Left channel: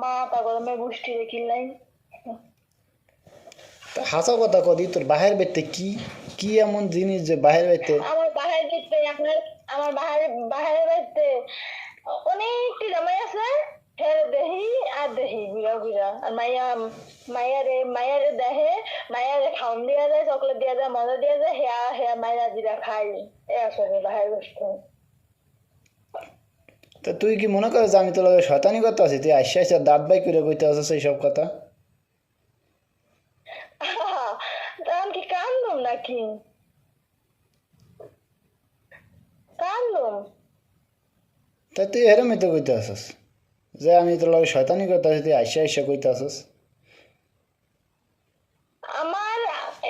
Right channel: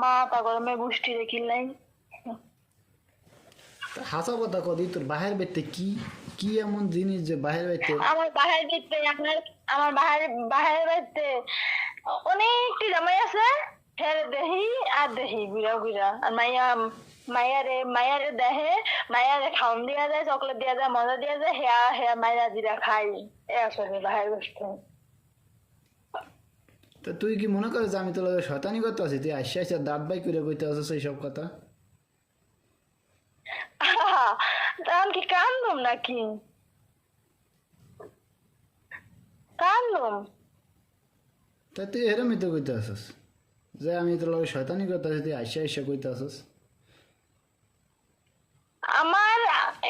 মা তা গরমে বৃষ্টি দেখিলাই হাসা কথা কদি তোর বাহির বেতে কি কি এমন জিনিস যে বাহির বেতে আমার বাহির দিতে আপনার আমার বাহির বাড়িতে অনেকটি জামাই আছে ফের দেহি আর দেহি ঘুরা ঘুরা আর মাইয়ারে দেহে মাইয়ারে খাওন দিয়া যায় চকলেট দিয়া যায় মজা দিয়া যায় হেয়া হেয়া মাইয়া দিরা খাই এ আসলে বাহির বসতে তা তুই কি মনে করিস আমি তোর লগে শয়তানি করতে আছি তুই আসে আসে দাঁত বাই করে কইতে আসছিস এইসব কথা তাহলে কি কান্দুম নাকি কান্দুম তা তুই এরমই তো কইতে আসিস যে আমি তোর লগে শয়তানি করতে আছি তুই আসে আসে কইতে আসিস আমার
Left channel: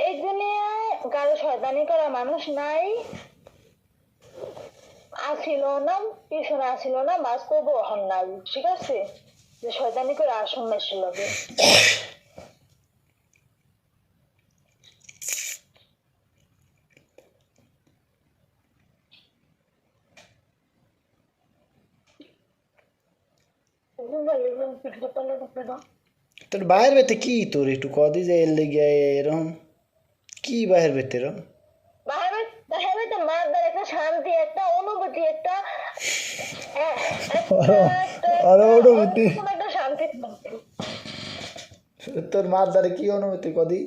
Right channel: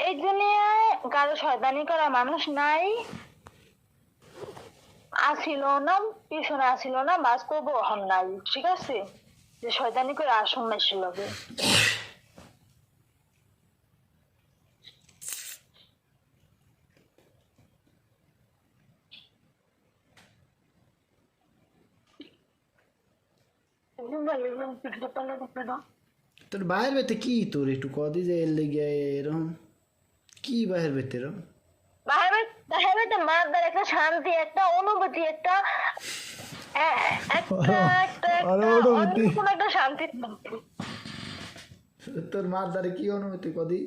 এই দুনিয়ায় কারো শয়তানি করা মানুষ নাই আসিল না পিছনে আসিল না বাস্তব এখন নাই ঠিক আছে যে শয়তানি করে আসন মেশিল লগে তোর বাহির বেতে কি তোর একটু কদি যে এর লেগে এরকম কি বাহির বেতে এরকম বাহিরে মারদার একটা শান্তি একটা অনুভূতি একটা অনুভূতি কোন একটা শান্তি তোর মার দ্বারে কি অনুভূতি কদি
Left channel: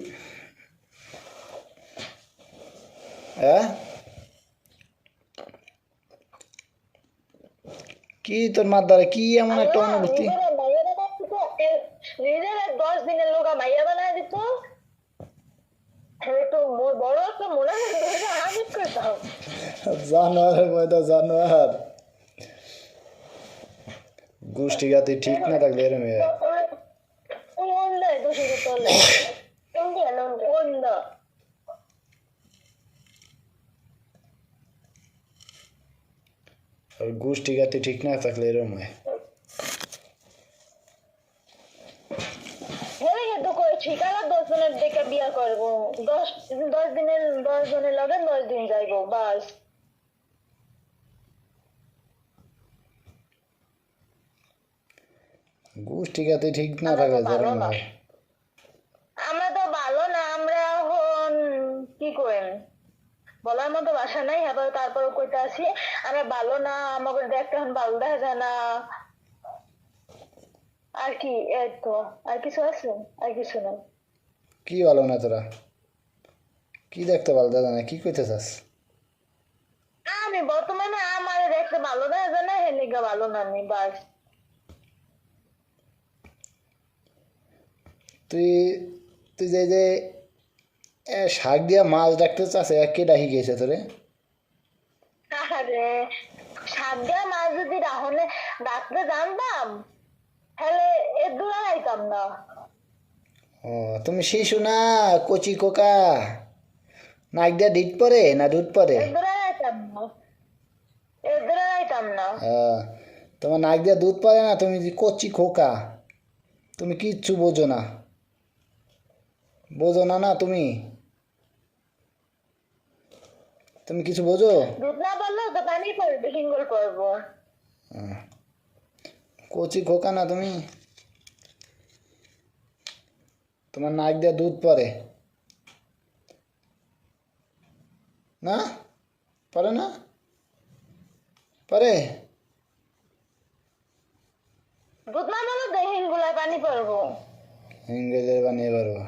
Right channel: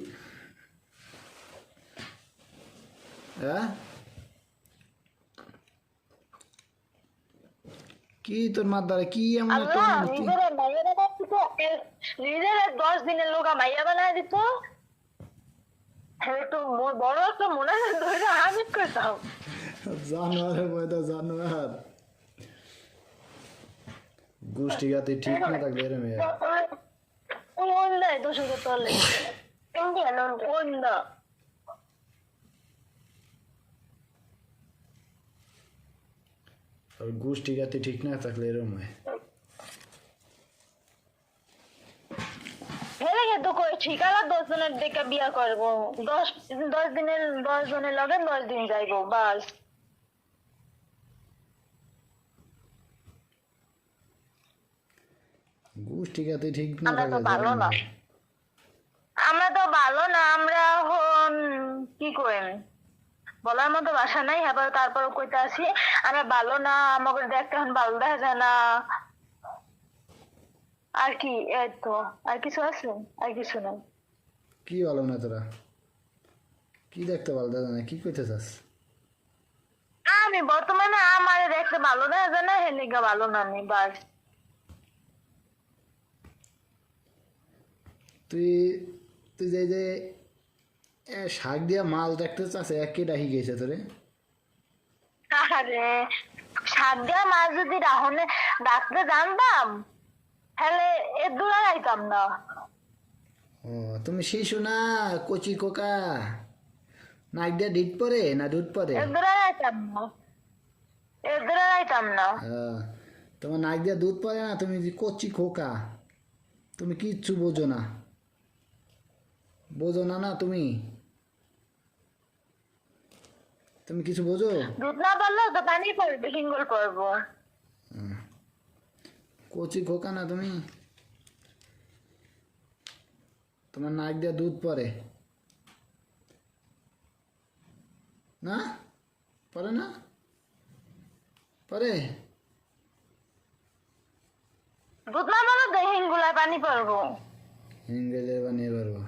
হ্যাঁ কি তোর মার দ্বারে কি এমন একটা অনুভূতি নিজের 10 দিনের লোক মাইয়া বানায় দিত তো বড় একটা মনে হয় হাজির করতাম জানোয়ারের ময়দা জানোয়ার গোষ্ঠী গাতি ঠিক না থাকলে এরম আর গোষ্ঠী গাতি ঠিক না থাকলে এরম হয় ঠিকানা 10 জনের দেখে বিয়া করবো 10 দিনের 10 জনের লগে 10 দিন যাইবো বাস গোষ্ঠী গাতি ঠিক না থাকলে এরম হয় আমরা তো ভালো না আমরা কি করেন বলার মতো ভাষা নাই আবার তারপর কইতে আসি আমরা ভালো না আমাকে দেখতে এখন ভালো দেখা যায় না আর কি এই তো আর কিছু আছে আর কিছু না কি ভালো না তোরা কি দেখতে ভালো দাদা না কি কইতে চাস আমি বর্তমানে আমার দেখতে ভালো দেখা যায় না হেলিগা ভালো না আমি বাস তুই তুই যে শাক দিয়া মাছ ডাকতে চাস কে ডাকি গেছে তোরে আরে শাক দিয়া মাছ যদি রাহনে ডাকতে জানতাম তাহলে এ দূরে যাইতাম না ও তুমি শিশু না কচি কোকা নাক দিয়া ডিট পরে না দুধ পরে এ দূরে যাইতাম না এ দূরে যাইতাম না তোমার নাক দিয়া দুধ পরে না তুমি কচি খোকা তুমি কিচ্ছু বোঝো না না তুমি তুমি কিছু বোঝো দুধ না পারলেও তো পানি পড়বে হিঙ্গল পড়বো কচি খোকা না তুমি তোমার নাক দিয়ে দুধ পড়ে না পড়ে না পরে দুধ না পারলে হিঙ্গুলায় পানি পড়বো হিঙ্গেলের বানিয়ে পারবো